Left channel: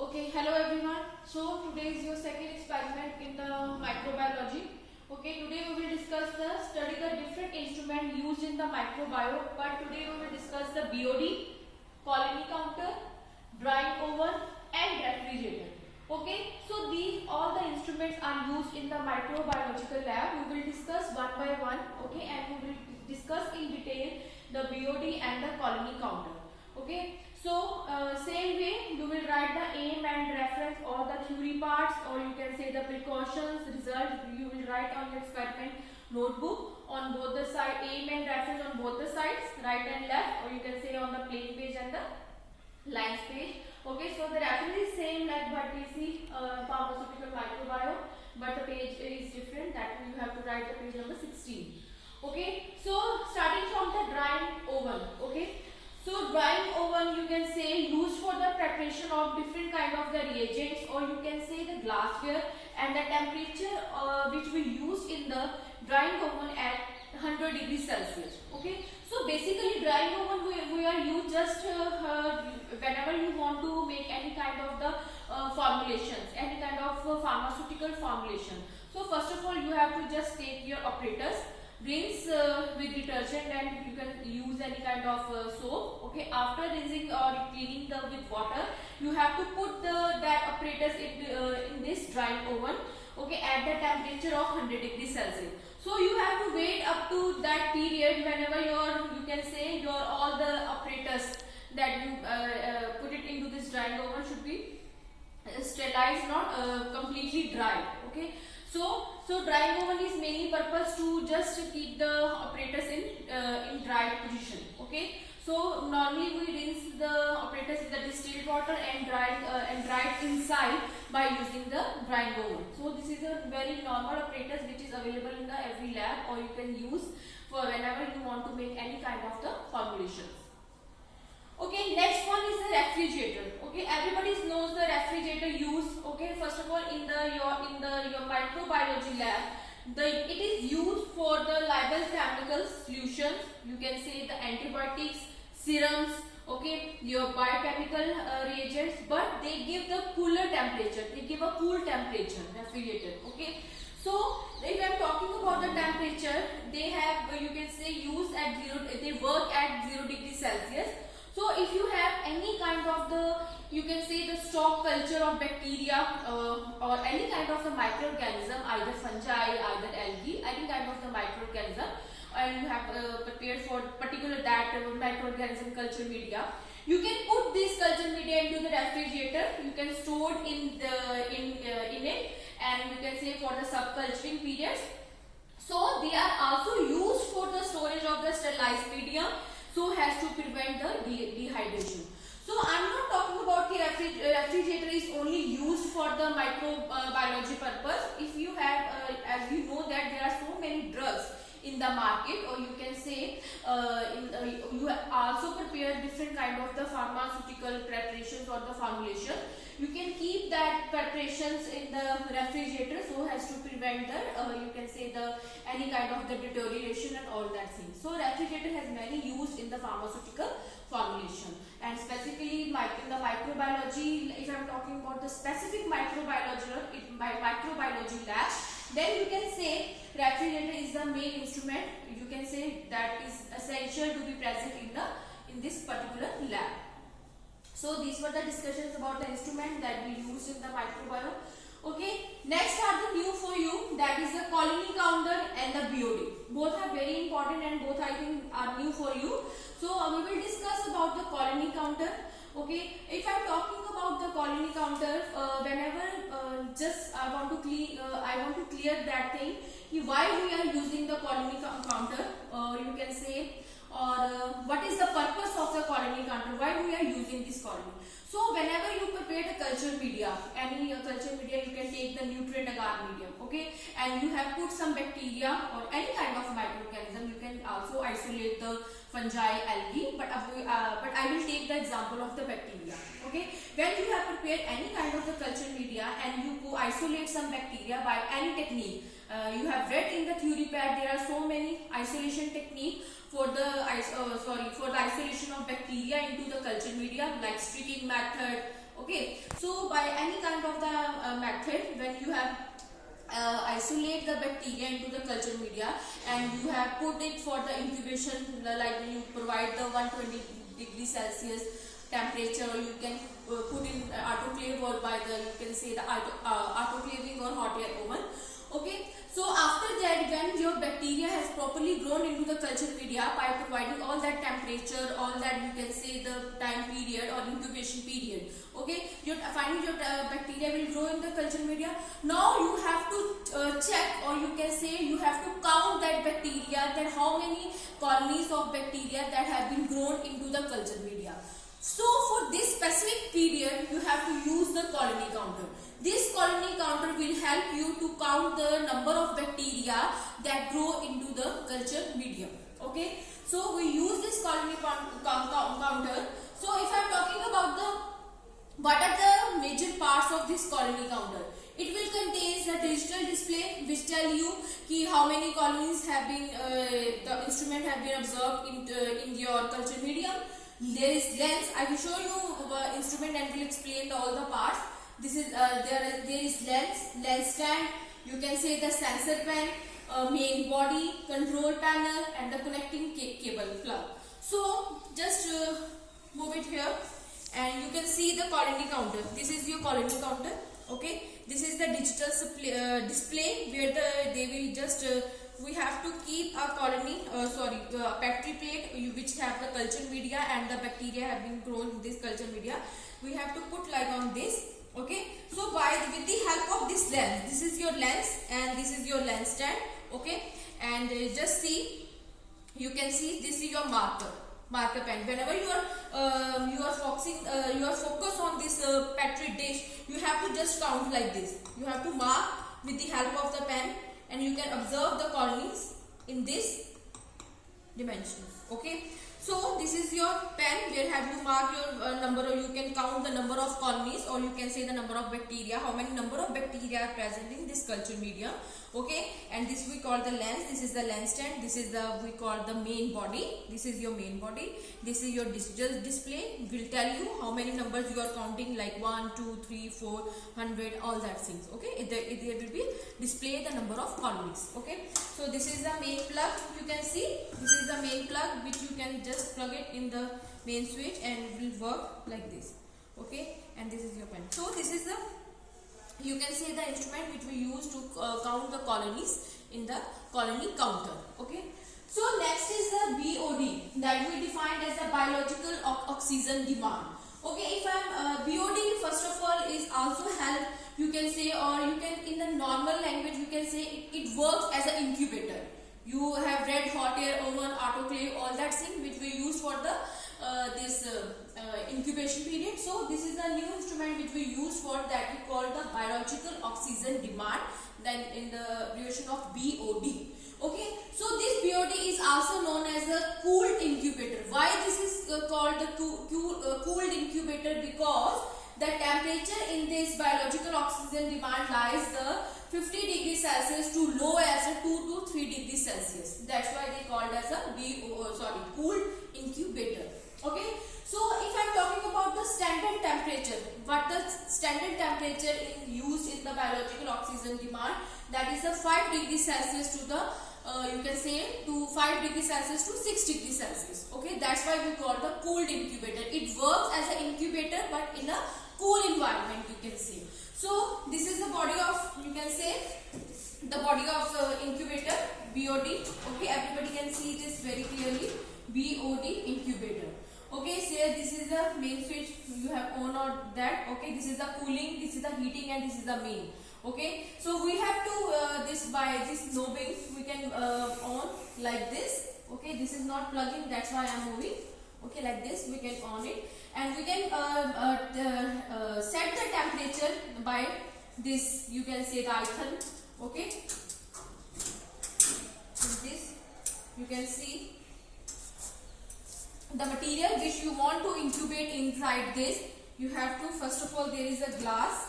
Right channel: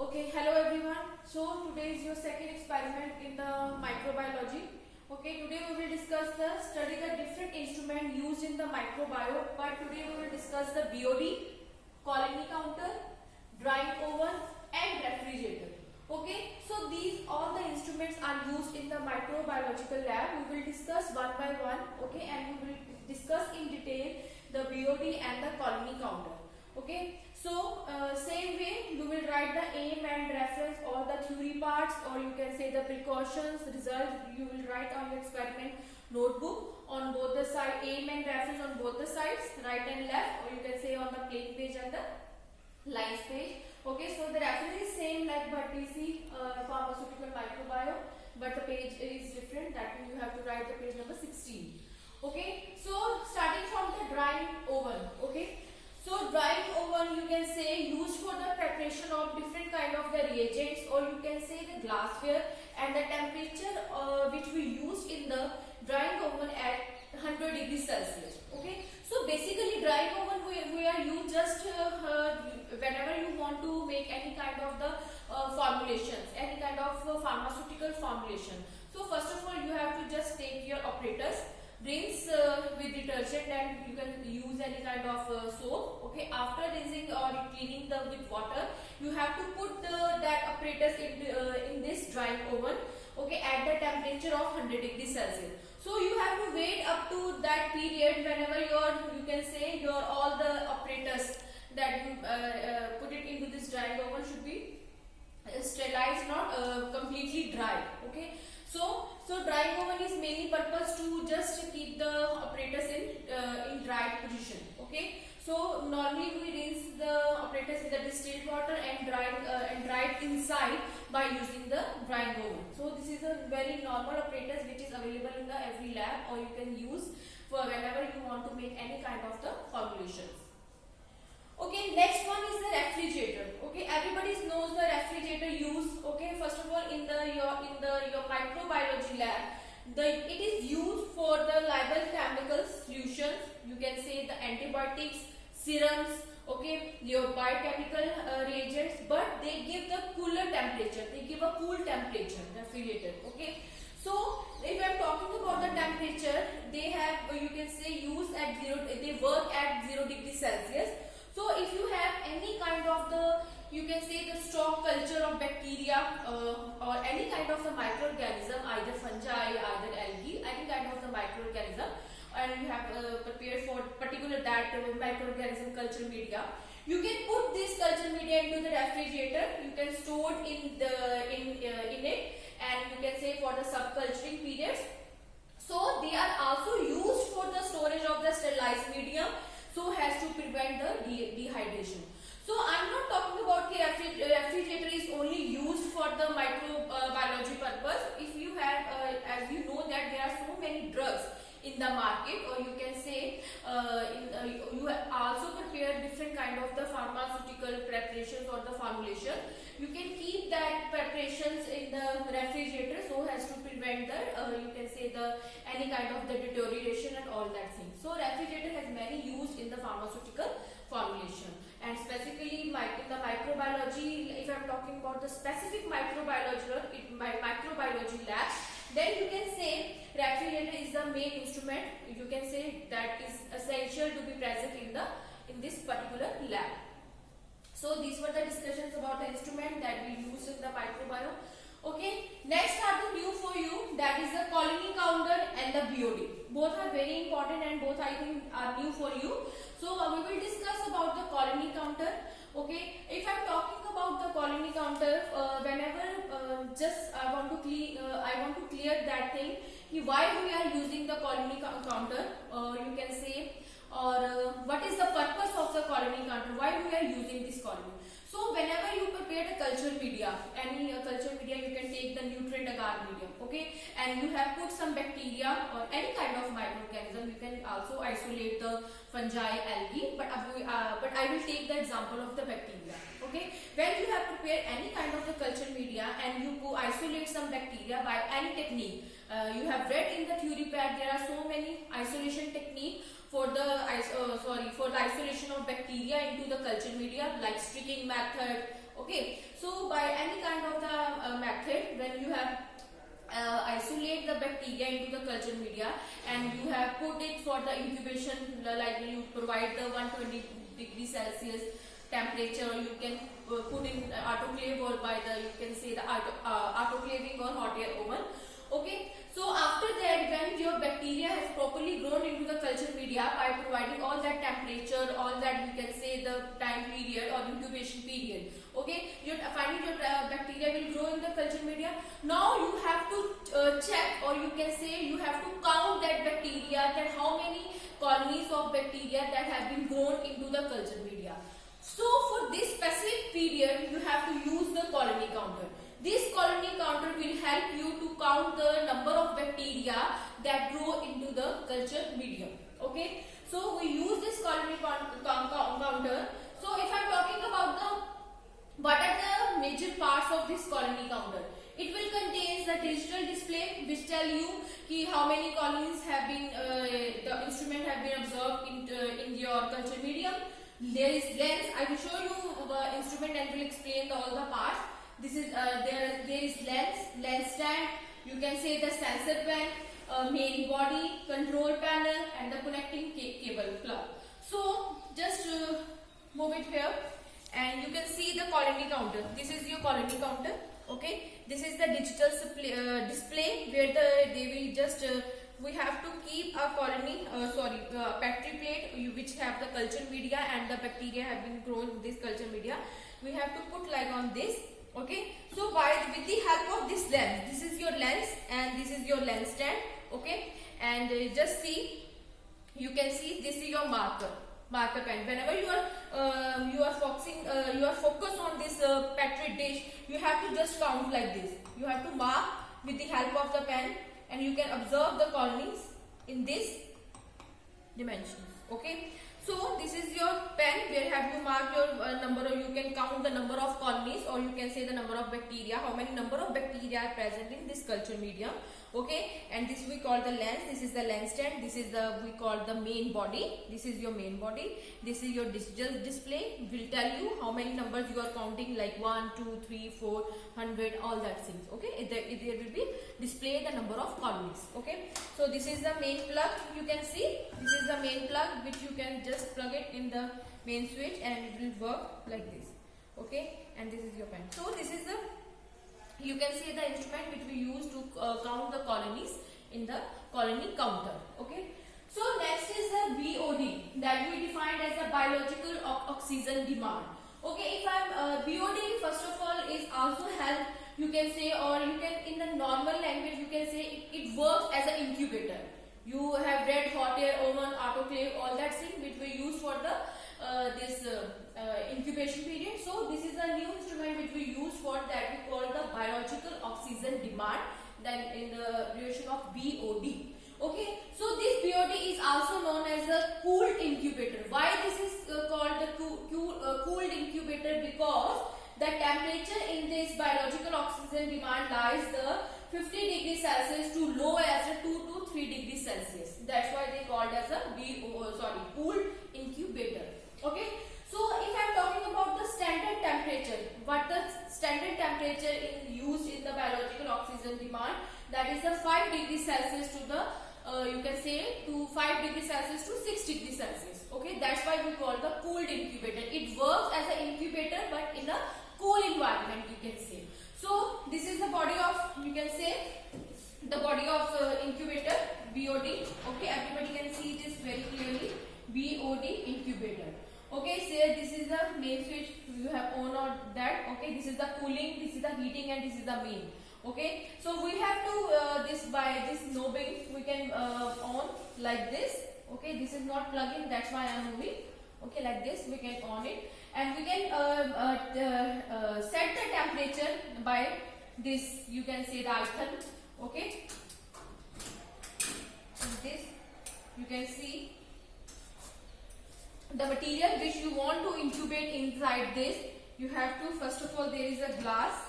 Okay, hello everyone. So today is your second experiment in the microbiology. Okay, today we will discuss study the different instrument used in the microbiome. But today we will discuss the BOD, colony counter, drying oven, and refrigerator. Okay, so these all the instruments are used in the microbiological lab. We will discuss one by one. Okay, and we will discuss in detail the BOD and the colony counter. Okay, so same way you will write the aim and reference or the theory parts, or you can say the precautions, result you will write on the experiment notebook on both the side, aim and reference on both the sides, right and left, or you can say on the plain page and the lines page. Okay, so the reference is same like what we see pharmaceutical microbiome, but the page is different, that you have to write the page number 16. Okay, so starting from the drying oven. Okay, so drying oven you can say used for the preparation of different kind of the reagents, or you can say the glassware, and the temperature which we use in the drying oven at 100 degrees Celsius. Okay, so basically drying oven we are used just whenever you want to make any kind of the formulations, any kind of pharmaceutical formulation. So first of all you have to just take your apparatus, rinse with detergent, and you can use any kind of soap. Okay, after rinsing or cleaning with water, you have to put that apparatus in this drying oven. Okay, at the temperature of 100 degrees Celsius. So you have to wait up to that period whenever you can say your all the apparatus that you put it into this drying oven should be sterilized, not completely dry. Okay, so drying oven is mainly purpose to just keep the apparatus in dry position. Okay, so normally we rinse the apparatus with the distilled water and dry it inside by using the drying oven. So this is a very normal apparatus which is available in the every lab, or you can use for whenever you want to make any kind of the formulations. Okay, next one is the refrigerator. Okay, everybody knows the refrigerator use. Okay, first of all in your microbiology lab, it is used for the liable chemical solutions. You can say the antibiotics, serums. Okay, your biochemical reagents, but they give the cooler temperature. They give a cool temperature, refrigerator. Okay, so if I am talking about the temperature, they have you can say use at they work at 0 degrees Celsius. So if you have any kind of the, you can say the stock culture of bacteria or any kind of the microorganism, either fungi, either algae, any kind of the microorganism, and you have prepared for particular that microorganism culture media, you can put this culture media into the refrigerator. You can store it in it, and you can say for the subculturing periods. So they are also used for the storage of the sterilized medium, so as to prevent the dehydration. So I am not talking about the refrigerator is only used for the microbiology purpose. If you have, as you know that there are so many drugs in the market, or you can say you have also prepared different kind of the pharmaceutical preparations or the formulation. You can keep that preparations in the refrigerator so as to prevent the you can say the any kind of the deterioration and all that thing. So refrigerator has many use in the pharmaceutical formulation, and specifically in the microbiology, if I am talking about the specific microbiology lab, then you can say refrigerator is the main instrument. You can say that is essential to be present in this particular lab. So these were the discussions about the instrument that we use in the microbiome. Okay, next are the new for you, that is the colony counter and the BOD. Both are very important and both I think are new for you. So we will discuss about the colony counter. Okay, if I am talking about the colony counter, whenever just I want to clear that thing, why we are using the colony counter, you can say, or what is the purpose of the colony counter, why we are using this colony. So whenever you prepare the culture media, any culture media, you can take the nutrient agar medium, okay, and you have put some bacteria or any kind of microorganism. You can also isolate the fungi, algae, but I will take the example of the bacteria. Okay, when you have prepared any kind of the culture media and you go isolate some bacteria by any technique, you have read in the theory pad there are so many isolation technique for the isolation of bacteria into the culture media, like streaking method, Okay, so by any kind of the method, when you have isolate the bacteria into the culture media and you have put it for the incubation, like you provide the 120 degrees Celsius temperature, or you can put in autoclave, or by the you can say the autoclaving or hot air oven. Okay, so after that, when your bacteria has properly grown into the culture media by providing all that temperature, all that you can say the time period or incubation period, okay, finally your bacteria will grow in the culture media. Now you have to check, or you can say you have to count that bacteria, that how many colonies of bacteria that have been grown into the culture media. So for this specific period, you have to use the colony counter. This colony counter will help you to count the number of bacteria that grow into the culture medium. Okay, so we use this colony counter. So if I am talking about what are the major parts of this colony counter, it will contain the digital display which tell you ki how many colonies have been the instrument have been observed in your culture medium. There is lens. I will show you the instrument and will explain all the parts. This is there is lens stand, you can say the sensor pen, main body, control panel, and the connecting cable plug. So just move it here, and you can see the colony counter. This is your colony counter. Okay, this is the digital display where they will just we have to keep a colony petri plate which have the culture media and the bacteria have been grown in this culture media. We have to put like on this. Okay, so with the help of this lens, this is your lens and this is your lens stand. Okay, and just see, you can see this is your marker pen. Whenever you are focused on this petri dish, you have to just count like this. You have to mark with the help of the pen, and you can observe the colonies in this dimensions. Okay, so this is your pen where have you mark your number, or you can count the number of colonies, or you can say the number of bacteria, how many number of bacteria are present in this culture medium. Okay, and this we call the lens. This is the lens stand. This is the we call the main body. This is your main body. This is your digital display. Will tell you how many numbers you are counting, like 1, 2, 3, 4, 100, all that things. Okay, it will be display the number of colonies. Okay, so this is the main plug. You can see this is the main plug which you can just plug it in the main switch and it will work like this. Okay, and this is your pen. So this is the, you can see the instrument which we use to count the colonies in the colony counter. Okay, so next is the BOD, that we defined as the biological oxygen demand. Okay, if I'm BOD, first of all, is also help, you can say, or you can in the normal language you can say it works as an incubator. You have read hot air oven, autoclave, all that thing which we use for the incubation period. So this is a new instrument which we use for that, we call the biological oxygen demand, then in the abbreviation of BOD. Okay, so this BOD is also known as a cooled incubator. Why this is called the cooled incubator? Because the temperature in this biological oxygen demand lies the 50 degrees Celsius to low as a 2 to 3 degrees Celsius. That's why they called as a cooled incubator. Okay, so if I am talking about the standard temperature, what the standard temperature used in the biological oxygen demand, that is the 5 degrees Celsius to the you can say to 5 degrees Celsius to 6 degrees Celsius. Okay, that's why we call the cooled incubator. It works as an incubator but in a cool environment, you can say. So this is the body of, you can say, the body of incubator, BOD. Okay, everybody can see this very clearly, BOD incubator. Okay, so this is the main switch, you have on or that. Okay, this is the cooling, this is the heating, and this is the main. Okay, so we have to by this knobbing we can on like this. Okay, this is not plugging, that's why I am moving. Okay, like this we can on it, and we can set the temperature by this, you can say the icon. Okay, this you can see the material which you want to incubate inside this. You have to, first of all, there is a glass.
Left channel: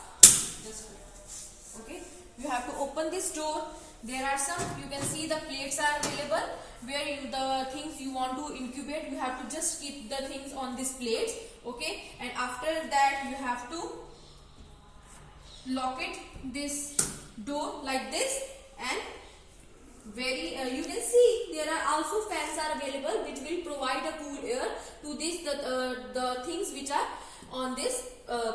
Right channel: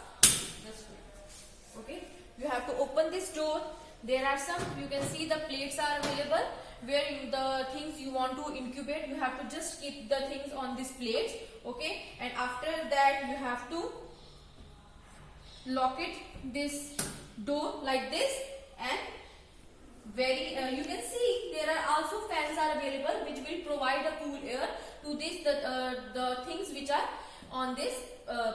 Okay, you have to open this door. There are some, you can see the plates are available, where the things you want to incubate, you have to just keep the things on these plates, okay, and after that you have to lock it this door like this, and very you can see there are also fans are available which will provide a cool air to this the things which are on this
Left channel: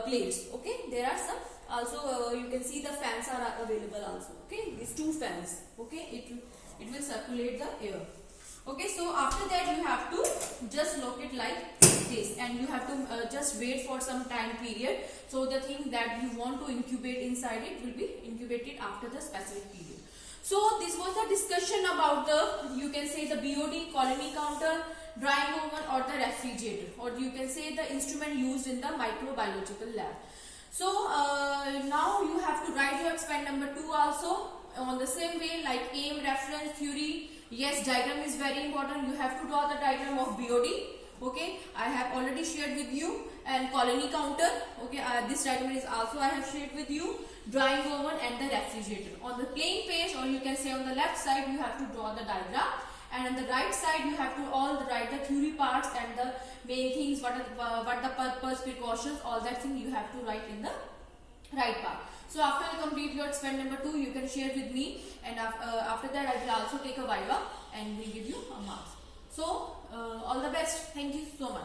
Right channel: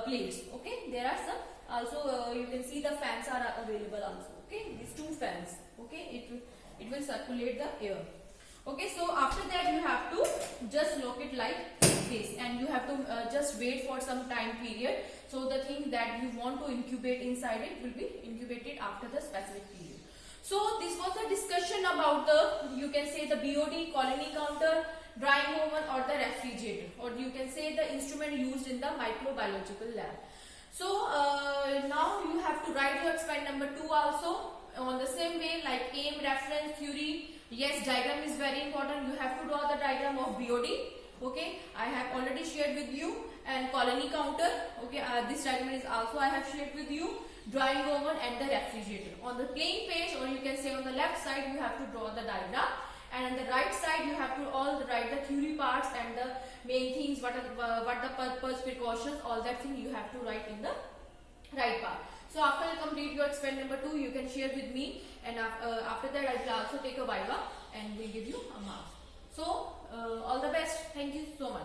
plates, okay. There are some also you can see the fans are available also, okay, these two fans, okay, it will circulate the air, okay. So after that you have to just lock it like this, and you have to just wait for some time period, so the thing that you want to incubate inside it will be incubated after the specific period. So this was the discussion about the, you can say, the BOD, colony counter, drying oven or the refrigerator, or you can say the instrument used in the microbiological lab. So now you have to write your experiment number 2 also on the same way, like aim, reference, theory. Yes, diagram is very important. You have to draw the diagram of BOD. Okay, I have already shared with you, and colony counter. Okay, this diagram is also I have shared with you. Drying oven and the refrigerator. On the plain page, or you can say on the left side, you have to draw the diagram, and on the right side you have to all write the theory parts and the main things, what the purpose, precautions, all that thing you have to write in the right part. So after you complete your experiment number 2, you can share with me, and after that I will also take a viva and will give you a marks. So all the best. Thank you so much.